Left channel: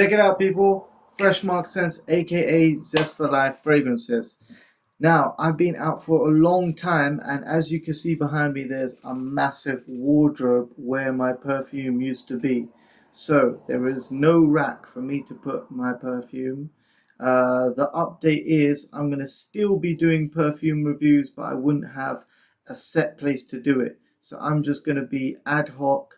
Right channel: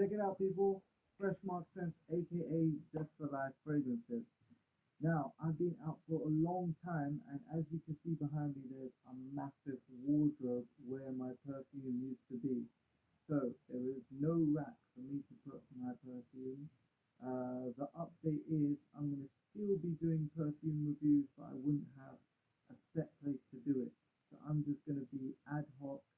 Check it out, people. Fresh Mark Sense, aka Zest for Life fragrances. Now, I've been out for a long time, and as you can see behind me, there's a massive wardrobe where my perfume used to be. So, there is no rack for me to put my perfume. The update is I'm going to still be doing perfume reviews, but I wouldn't have a set place to do it. So, I'm just going to be ad hoc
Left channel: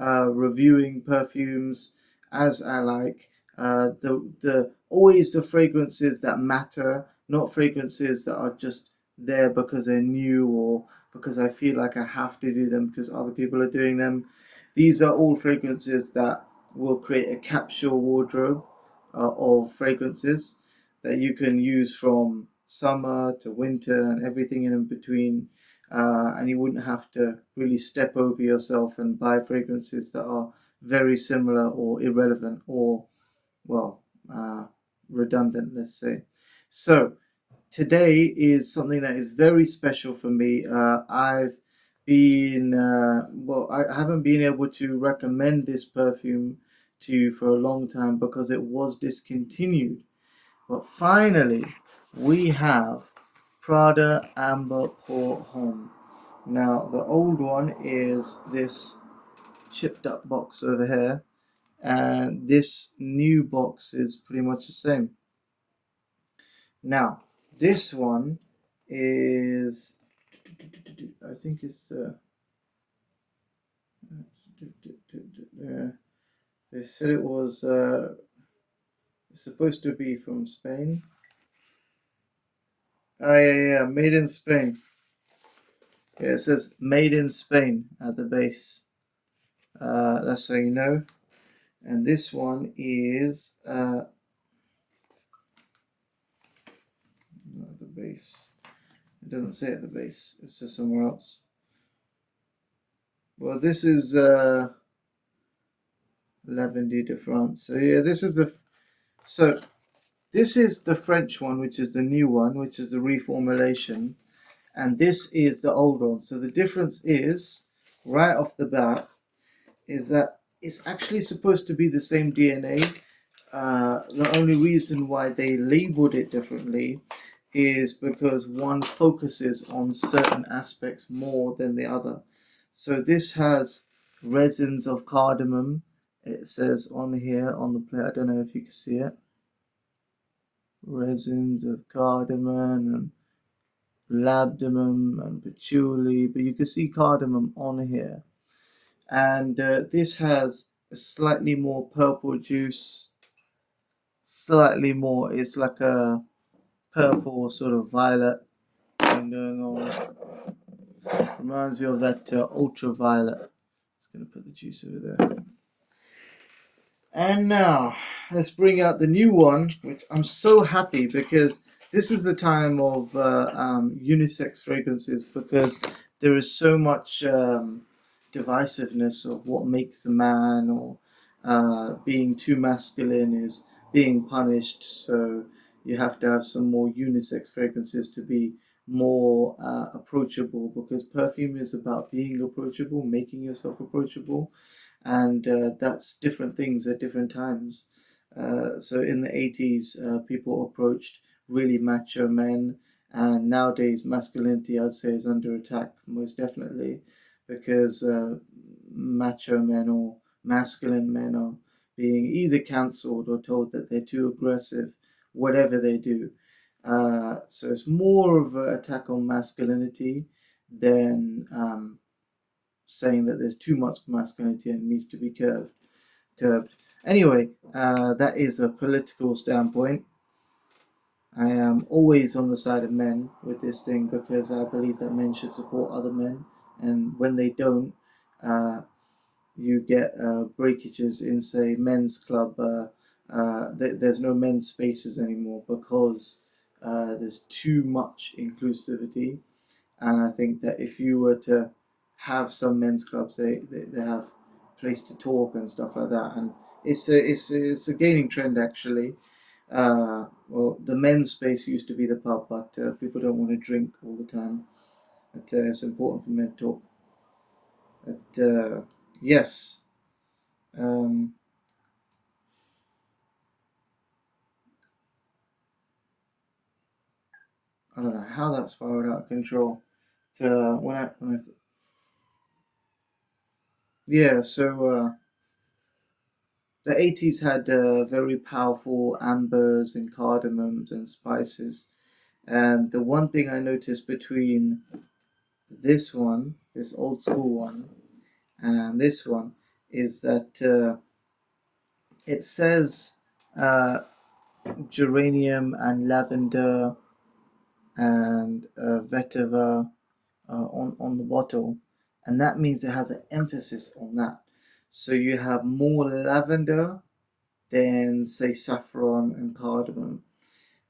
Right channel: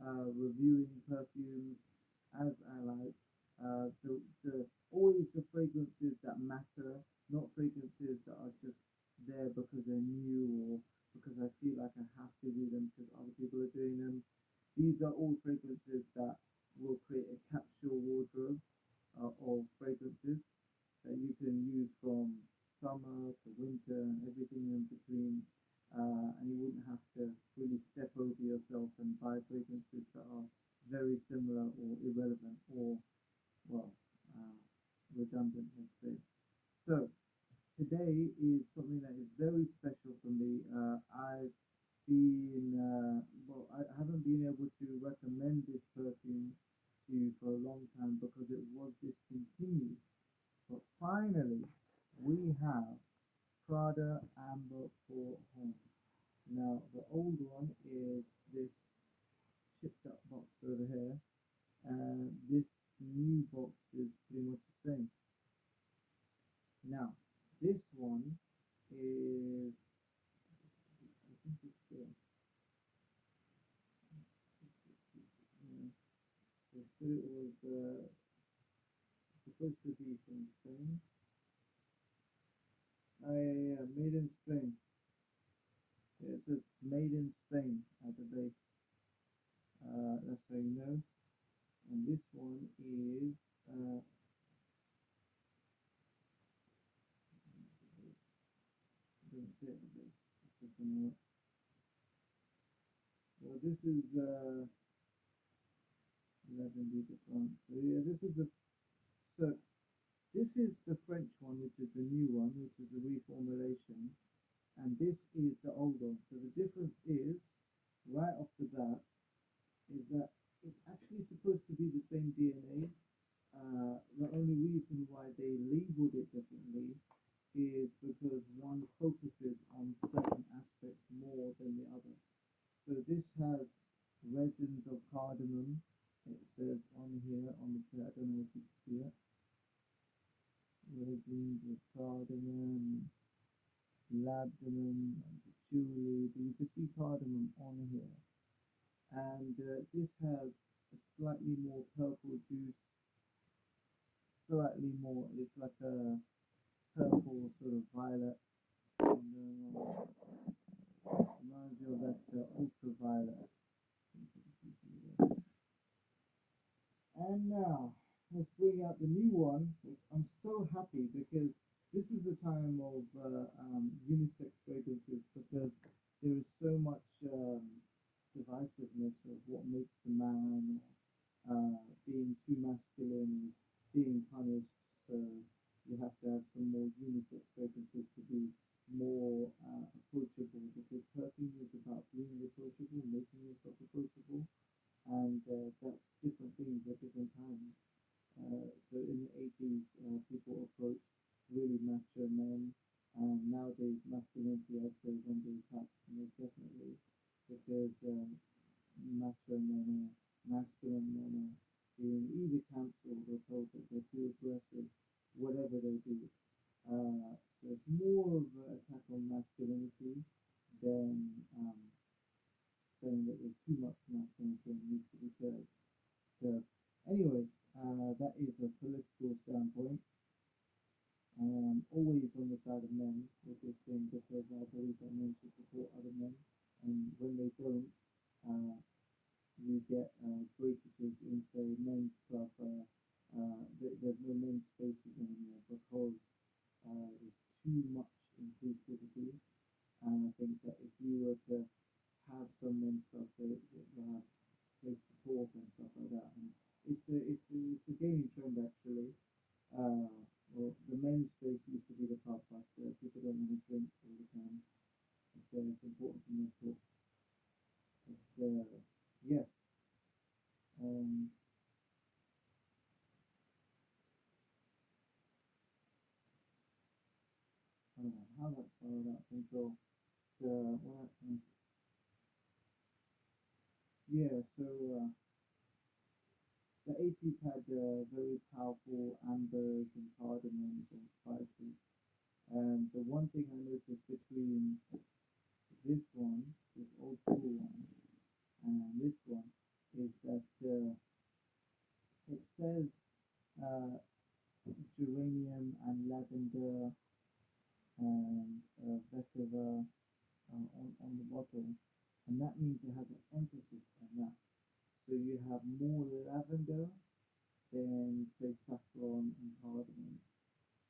reviewing perfumes as I like. The always the fragrances that matter, not fragrances that are just there because they're new or because I feel like I have to do them because other people are doing them. These are all fragrances that will create a capsule wardrobe of fragrances that you can use from summer to winter and everything in between. And you wouldn't have to really step over yourself and buy fragrances that are very similar or irrelevant or, well, uh, redundant, let's say. So, today is something that is very special for me. I haven't been able to recommend this perfume to you for a long time because it was discontinued. But finally, we have Prada Amber Pour Homme. Now, the old one is this chipped up box over here, and this new box is pretty much the same. Now, this one is, I think it's, they said it was supposed to be from Spain. Oh, yeah, made in Spain. Yeah, it says made in Spain at the base. That's how you know. And this one is not at the base. It doesn't say at the base. It says somewhere else. Well, this is Lavendy de France. So yeah, this is the French one, which is the new one, which is the reformulation, and this is the old one. So the difference is, right off the bat, is that it's actually supposed to be the same DNA. The only reason why they labeled it differently is because one focuses on certain aspects more than the other. So this has resins of cardamom. It says on here on the plate. I don't know if you can see it. Resins of cardamom and labdanum and patchouli, but you can see cardamom on here. And this has a slightly more purple juice, slightly more. It's like a purple sort of violet thing going on. Reminds me of that ultraviolet. Just gonna put the juice over there. And now let's bring out the new one, which I'm so happy because this is the time of unisex fragrances because there is so much divisiveness of what makes a man or being too masculine is being punished. So you have to have some more unisex fragrances to be more approachable because perfume is about being approachable, making yourself approachable, and that's different things at different times. So in the 80s, people approached really macho men, and nowadays masculinity, I'd say, is under attack most definitely because macho men or masculine men are being either cancelled or told that they're too aggressive, whatever they do. So it's more of an attack on masculinity than saying that there's too much masculinity and needs to be curbed. Anyway, that is a political standpoint. I am always on the side of men with this thing because I believe that men should support other men, and when they don't, uh, you get breakages in, say, men's club. There's no men's spaces anymore because there's too much inclusivity, and I think that if you were to have some men's clubs, they have place to talk and stuff like that, and it's a gaining trend actually. Well, the men's space used to be the pub, but people don't want to drink all the time. But it's important for men to talk. But yes, um, I don't know how that spiraled out of control. To yeah, so the 80s had very powerful ambers and cardamoms and spices. And the one thing I noticed between this one, this old school one, and this one is that it says uh, geranium and lavender and vetiver on the bottle, and that means it has an emphasis on that. So you have more lavender than say saffron and cardamom,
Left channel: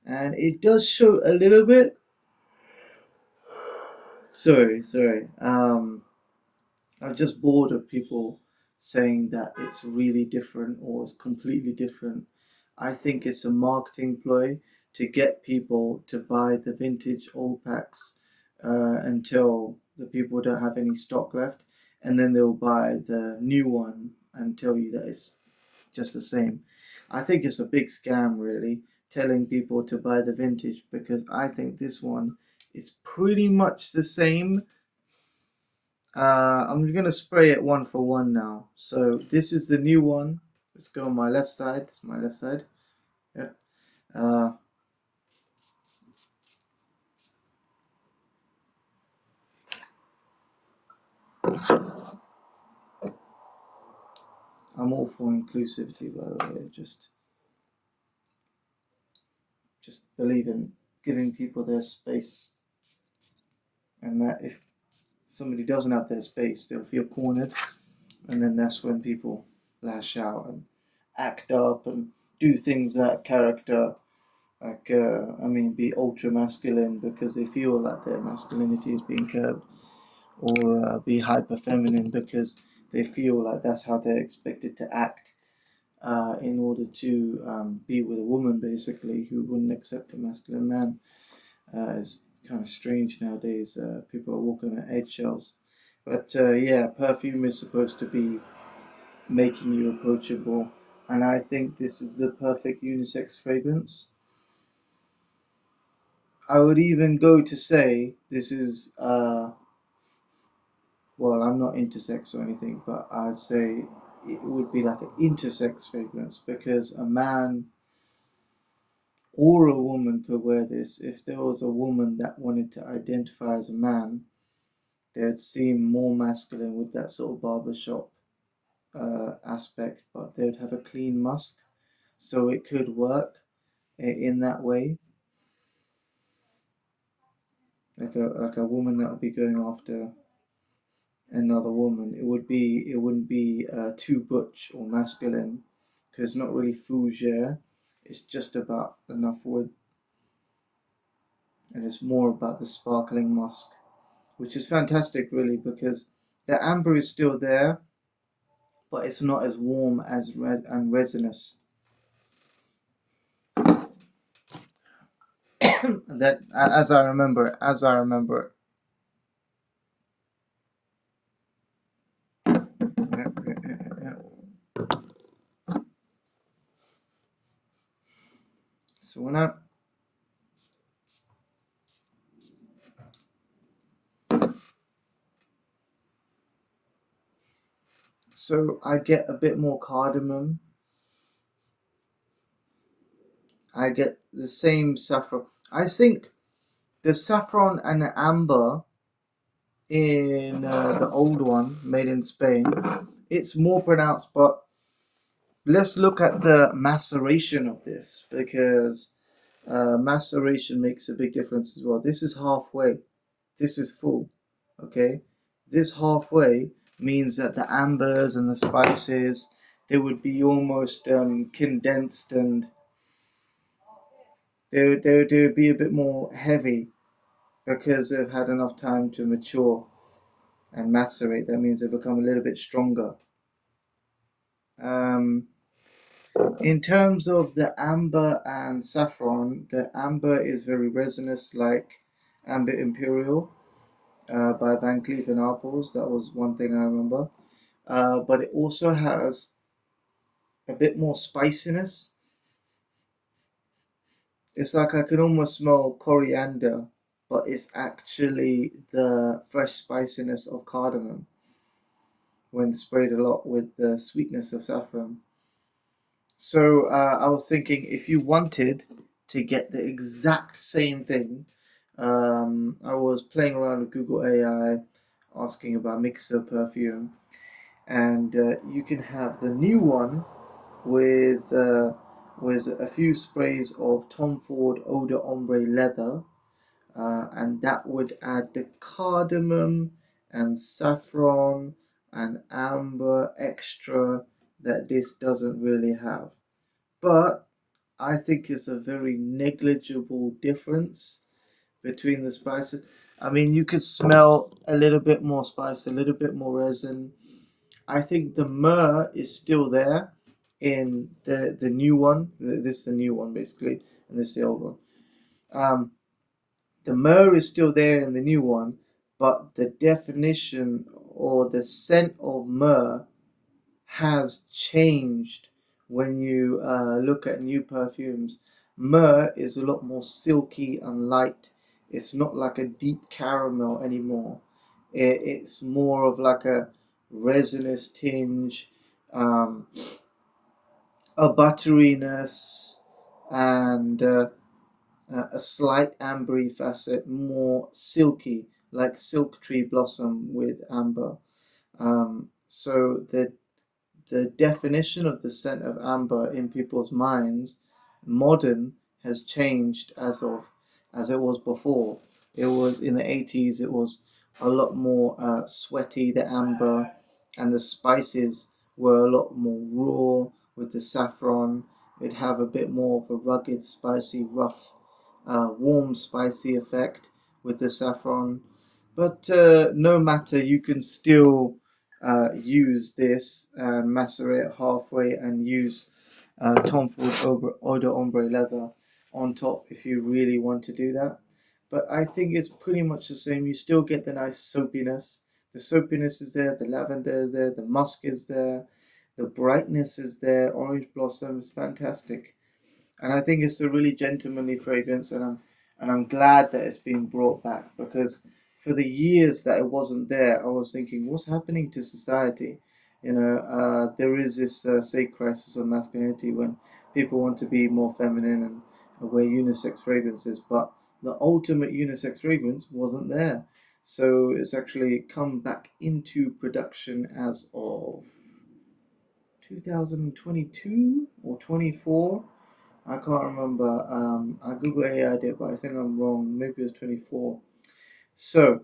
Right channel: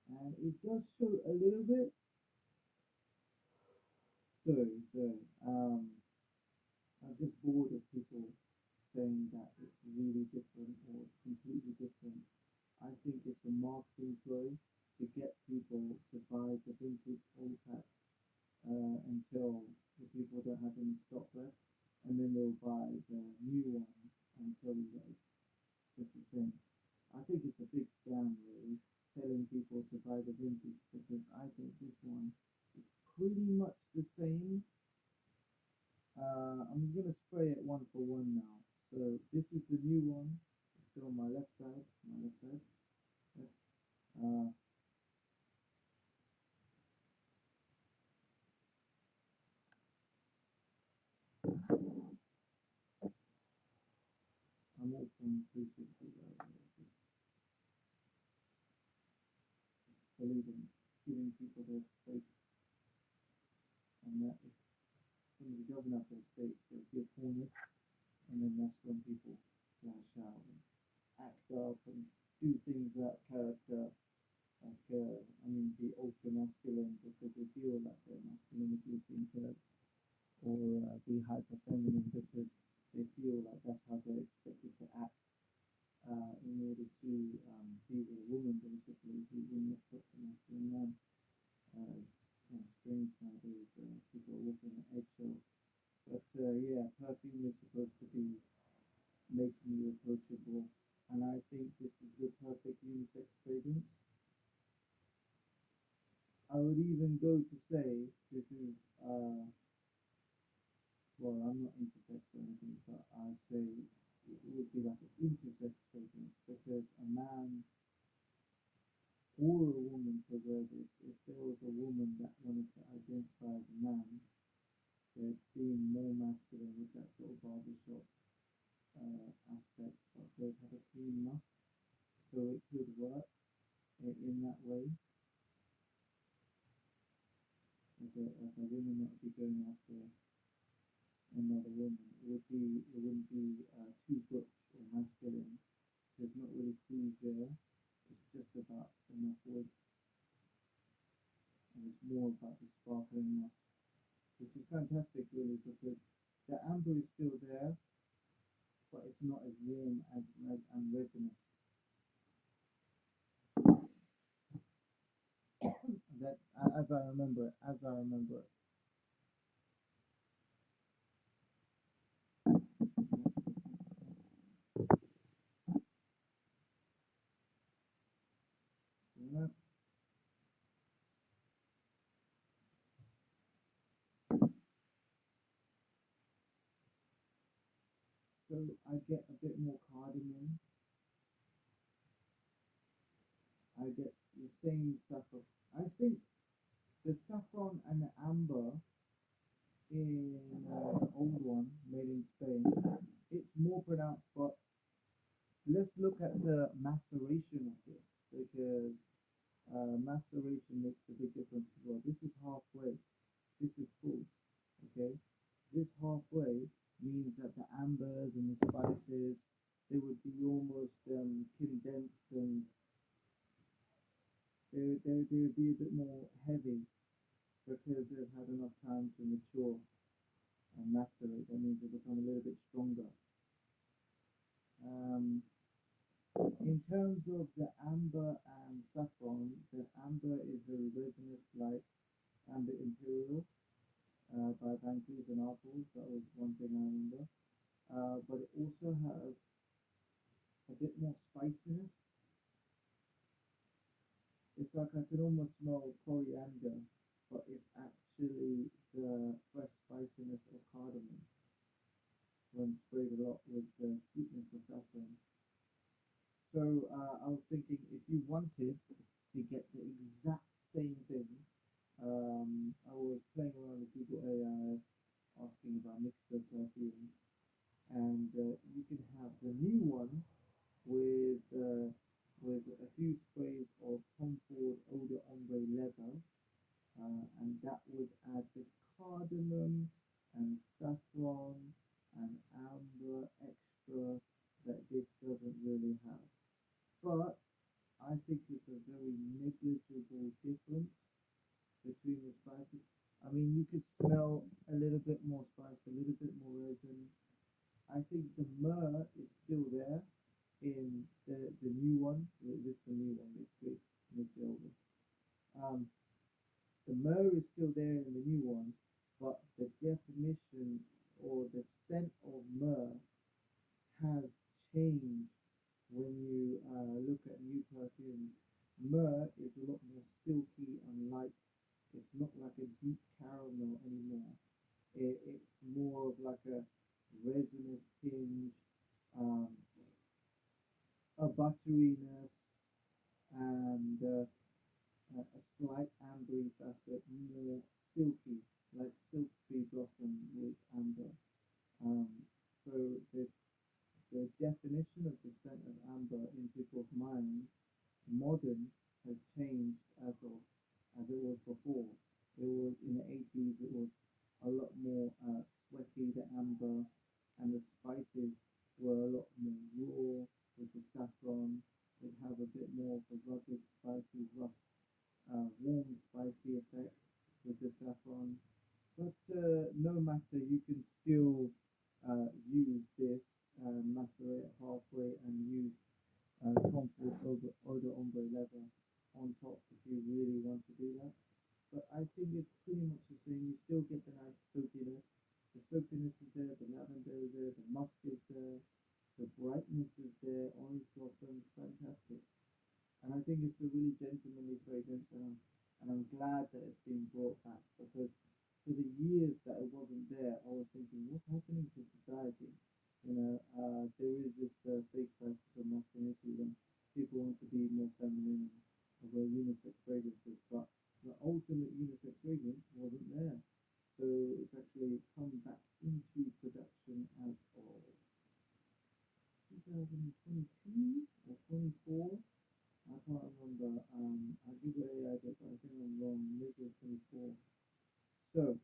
and it does show a little bit. Sorry. I'm just bored of people saying that it's really different or it's completely different. I think it's a marketing ploy to get people to buy the vintage old packs until the people don't have any stock left, and then they'll buy the new one and tell you that it's just the same. I think it's a big scam, really, telling people to buy the vintage because I think this one is pretty much the same. I'm gonna spray it one for one now. So this is the new one. Let's go on my left side. It's my left side. Yeah. Uh, I'm all for inclusivity, by the way. Just believe in giving people their space, and that if somebody doesn't have their space, they'll feel cornered, and then that's when people lash out and act up and do things that character like I mean be ultra masculine because they feel that their masculinity is being curbed, or be hyper feminine because they feel like that's how they're expected to act in order to be with a woman basically who wouldn't accept a masculine man. It's kind of strange nowadays. People are walking on eggshells. But yeah, perfume is supposed to be making you approachable, and I think this is the perfect unisex fragrance. I would even go to say this is well, I'm not intersex or anything, but I'd say it would be like an intersex fragrance because a man or a woman could wear this. If there was a woman that wanted to identify as a man, they'd seem more masculine with that sort of barbershop aspect, but they'd have a clean musk, so it could work in that way. Like a woman that would be going after another woman, it wouldn't be too butch or masculine because it's not really fougere. It's just about enough wood, and it's more about the sparkling musk, which is fantastic, really, because the amber is still there, but it's not as warm as and resinous. That, as I remember it. Yeah, yeah, yeah, yeah. So when I I get a bit more cardamom. I get the same saffron. I think the saffron and the amber in the old one made in Spain, it's more pronounced. But let's look at the maceration of this because maceration makes a big difference as well. This is halfway. This is full. Okay, this halfway means that the ambers and the spices they would be almost condensed, and they would be a bit more heavy because they've had enough time to mature and macerate. That means they become a little bit stronger. Um, in terms of the amber and saffron, the amber is very resinous, like Amber Imperial by Van Cleef and Arpels. That was one thing I remember. But it also has a bit more spiciness. It's like I can almost smell coriander but it's actually the fresh spiciness of cardamom when sprayed a lot with the sweetness of saffron. So I was thinking if you wanted to get the exact same thing, I was playing around with Google AI, asking about mixer perfume, and you can have the new one with a few sprays of Tom Ford Eau de Ombre leather, and that would add the cardamom and saffron and amber extra that this doesn't really have. But I think it's a very negligible difference between the spices. I mean, you could smell a little bit more spice, a little bit more resin. I think the myrrh is still there in the new one. This is the new one basically, and this is the old one. Um, the myrrh is still there in the new one, but the definition or the scent of myrrh has changed when you look at new perfumes. Myrrh is a lot more silky and light. It's not like a deep caramel anymore. It's more of like a resinous tinge, um, a butteriness, and a slight ambery facet, more silky, like silk tree blossom with amber. So the definition of the scent of amber in people's minds, modern, has changed as it was before. It was in the 80s. It was a lot more sweaty, the amber, and the spices were a lot more raw with the saffron. It'd have a bit more of a rugged, spicy, rough, warm, spicy effect with the saffron. But no matter, you can still use this and macerate halfway and use Tom Ford Eau de Ombre leather on top if you really want to do that. But I think it's pretty much the same. You still get the nice soapiness. The soapiness is there, the lavender is there, the musk is there, the brightness is there, orange blossom is fantastic. And I think it's a really gentlemanly fragrance, and I'm glad that it's been brought back because for the years that it wasn't there, I was thinking, what's happening to society? There is this say crisis of masculinity when people want to be more feminine and wear unisex fragrances, but the ultimate unisex fragrance wasn't there. So it's actually come back into production as of 2022 or 24. I can't remember. I Google AI did, but I think I'm wrong. Maybe it was 24. So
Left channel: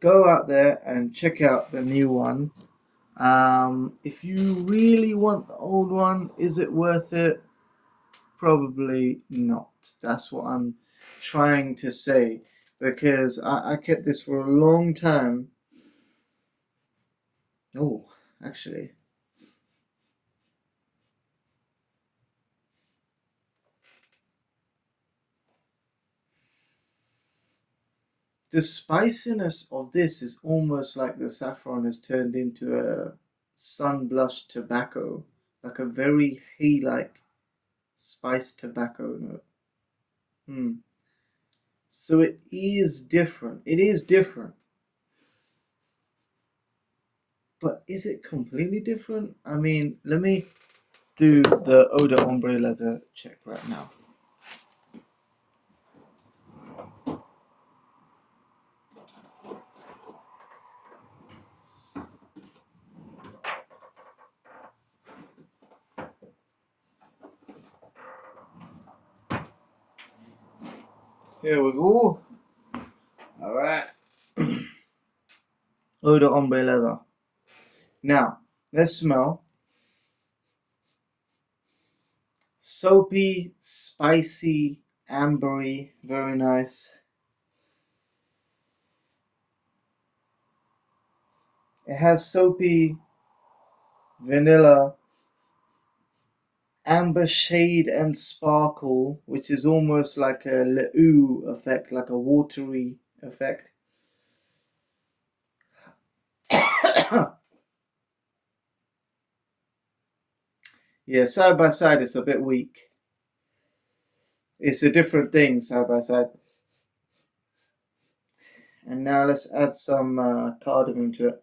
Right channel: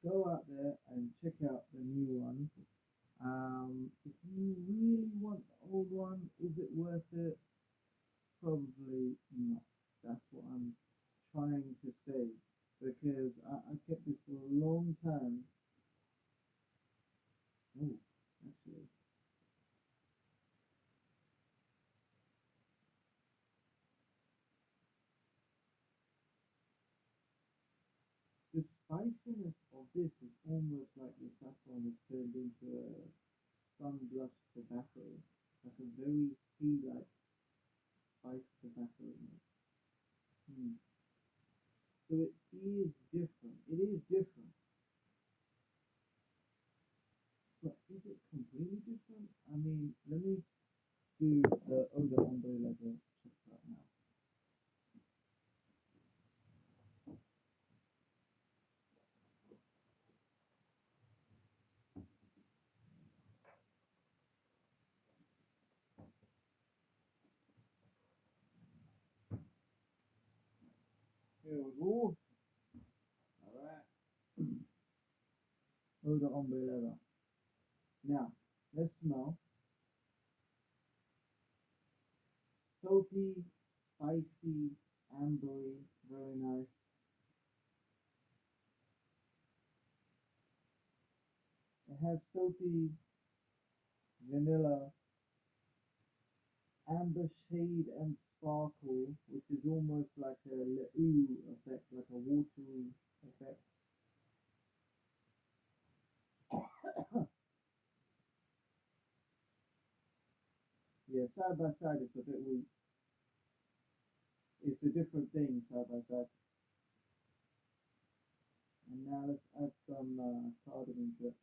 go out there and check out the new one. If you really want the old one, is it worth it? Probably not. That's what I'm trying to say because I kept this for a long time. Oh, actually, the spiciness of this is almost like the saffron has turned into a sun blush tobacco, like a very hay-like spiced tobacco note. Hmm. So it is different. It is different. But is it completely different? I mean, let me do the Eau de Ombre leather check right now. Here we go. All right. Eau de Ombre leather. Now, let's smell. Soapy, spicy, ambery, very nice. It has soapy, vanilla, amber shade and sparkle, which is almost like a le'ou effect, like a watery effect. Yeah, side by side it's a bit weak. It's a different thing side by side. And now let's add some cardamom to it.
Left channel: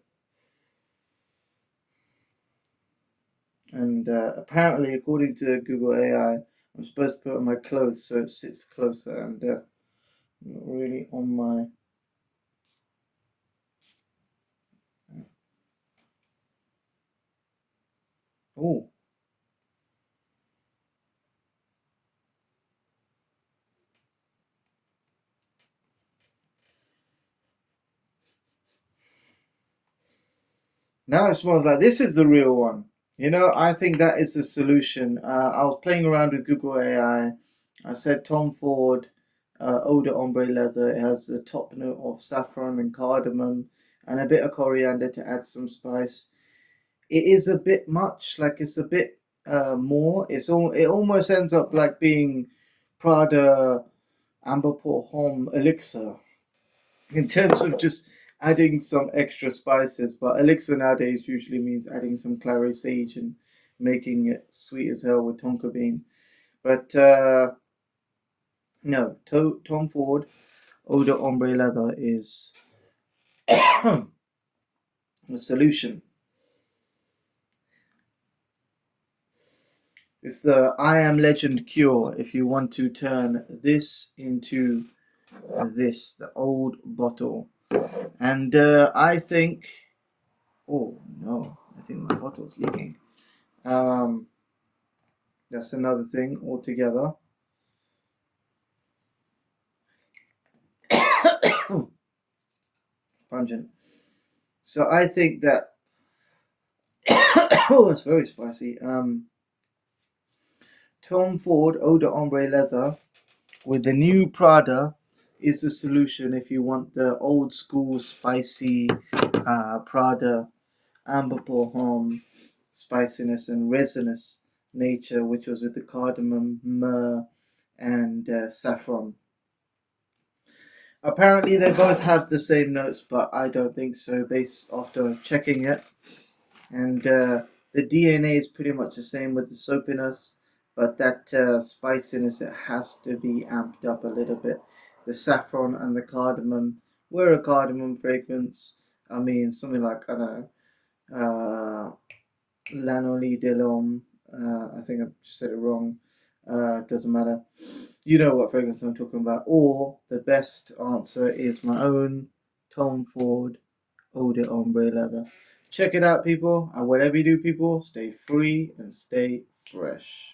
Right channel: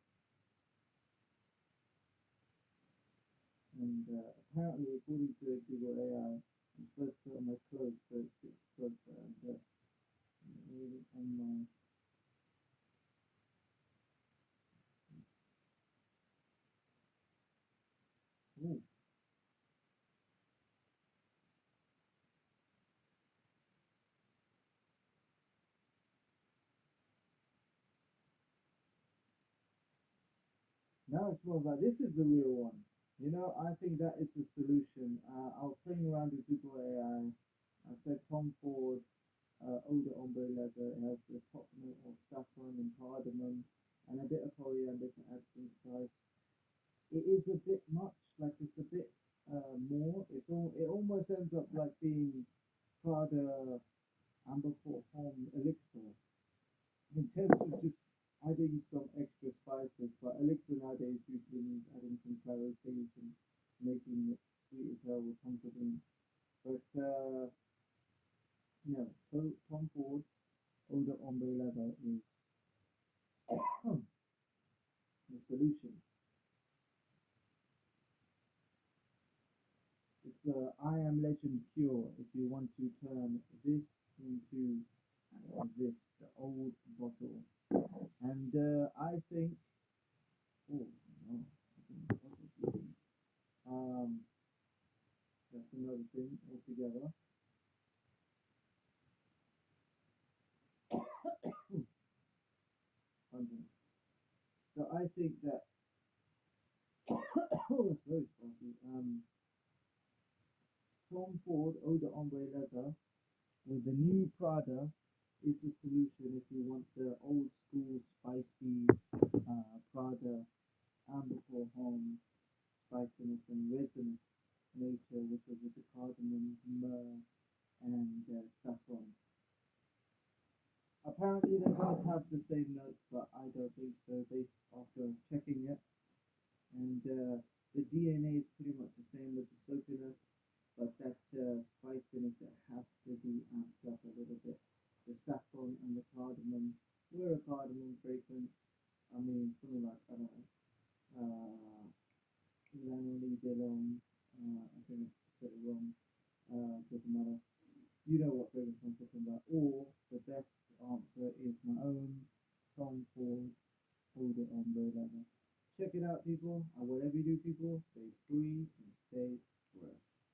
And apparently, according to Google AI, I'm supposed to put it on my clothes so it sits closer and not really on my. Oh, now it smells like this is the real one. You know, I think that is the solution. I was playing around with Google AI. I said Tom Ford Eau de Ombre leather. It has the top note of saffron and cardamom and a bit of coriander to add some spice. It is a bit much, like it's a bit more. It almost ends up like being Prada Amber Port Homme elixir in terms of just adding some extra spices. But elixir nowadays usually means adding some clary sage and making it sweet as hell with tonka bean. But no, Tom Ford Eau de Ombre leather is the solution. It's the I Am Legend cure if you want to turn this into this, the old bottle. And I think, oh no, I think my bottle's leaking. Um, that's another thing altogether. Pungent. So I think that, oh, it's very spicy. Tom Ford Eau de Ombre leather with the new Prada is the solution if you want the old school spicy Prada amber pour homme spiciness and resinous nature, which was with the cardamom, myrrh, and saffron. Apparently, they both have the same notes, but I don't think so, based after checking it. And the DNA is pretty much the same with the soapiness, but that spiciness, it has to be amped up a little bit. The saffron and the cardamom were a cardamom fragrance. I mean, something like, I don't know, Lanoli de l'Homme. I think I just said it wrong. Doesn't matter. You know what fragrance I'm talking about. Or the best answer is my own Tom Ford Eau de Ombre leather. Check it out, people. And whatever you do, people, stay free and stay fresh.